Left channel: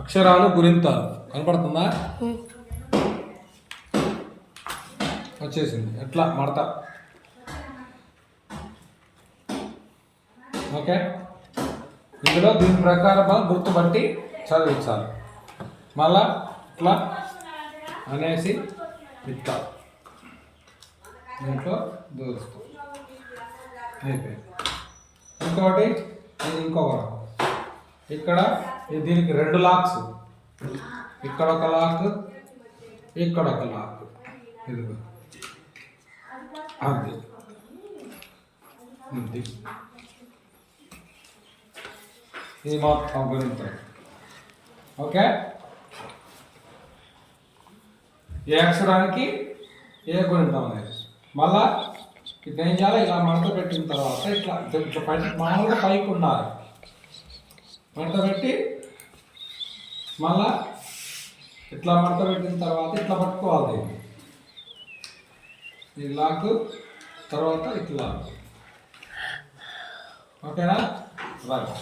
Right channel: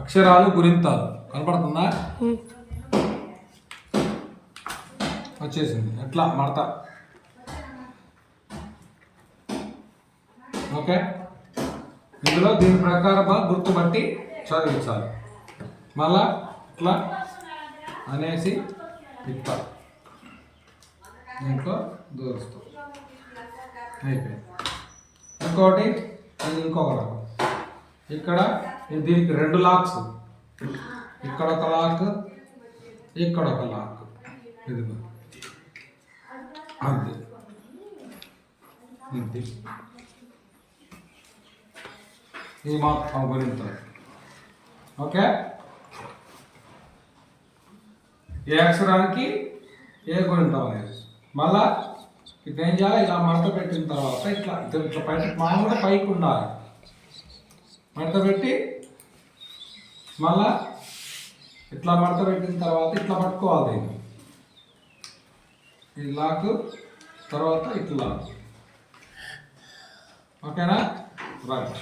అక్షరాలు గురింతాలు కనపడుతుందా? వచ్చేసింది. ఎట్లా మడత. ఓకే, ఇందులో దీని ప్రకారం గుర్తుపట్టి చదివించాలి. మళ్ళా ఇట్లా అనేసి ఇట్లా దీంట్లో దూరుస్తాం. అయిపోయింది. ఇంకోటి, ఇది ఇంకొక రకం. ఇక్కడ దీనికి 2 లాక్స్, ఇక్కడ ఒక లాక్, ఇక్కడ ఒక లాక్. ఇదిగో అది ఇది ఇది మొత్తం గుణింతాలు. ఓకే, ఏ అక్షరానికి ఏ గుణింతం అనేది. మళ్ళా ఇప్పుడు ఏం చేయాలి? ఇలా మడత పెట్టిన తర్వాత ఇట్లా ఇట్లా పై మామూలుగా పైకి ఉండాలి. మడత పెట్టి మళ్ళా ఇట్లా మడత పెట్టిన తర్వాత ఇట్లా పట్టుకోవాలి. ఈ లాకు తర్వాత ఇట్లా. ఓకేనా? రైట్.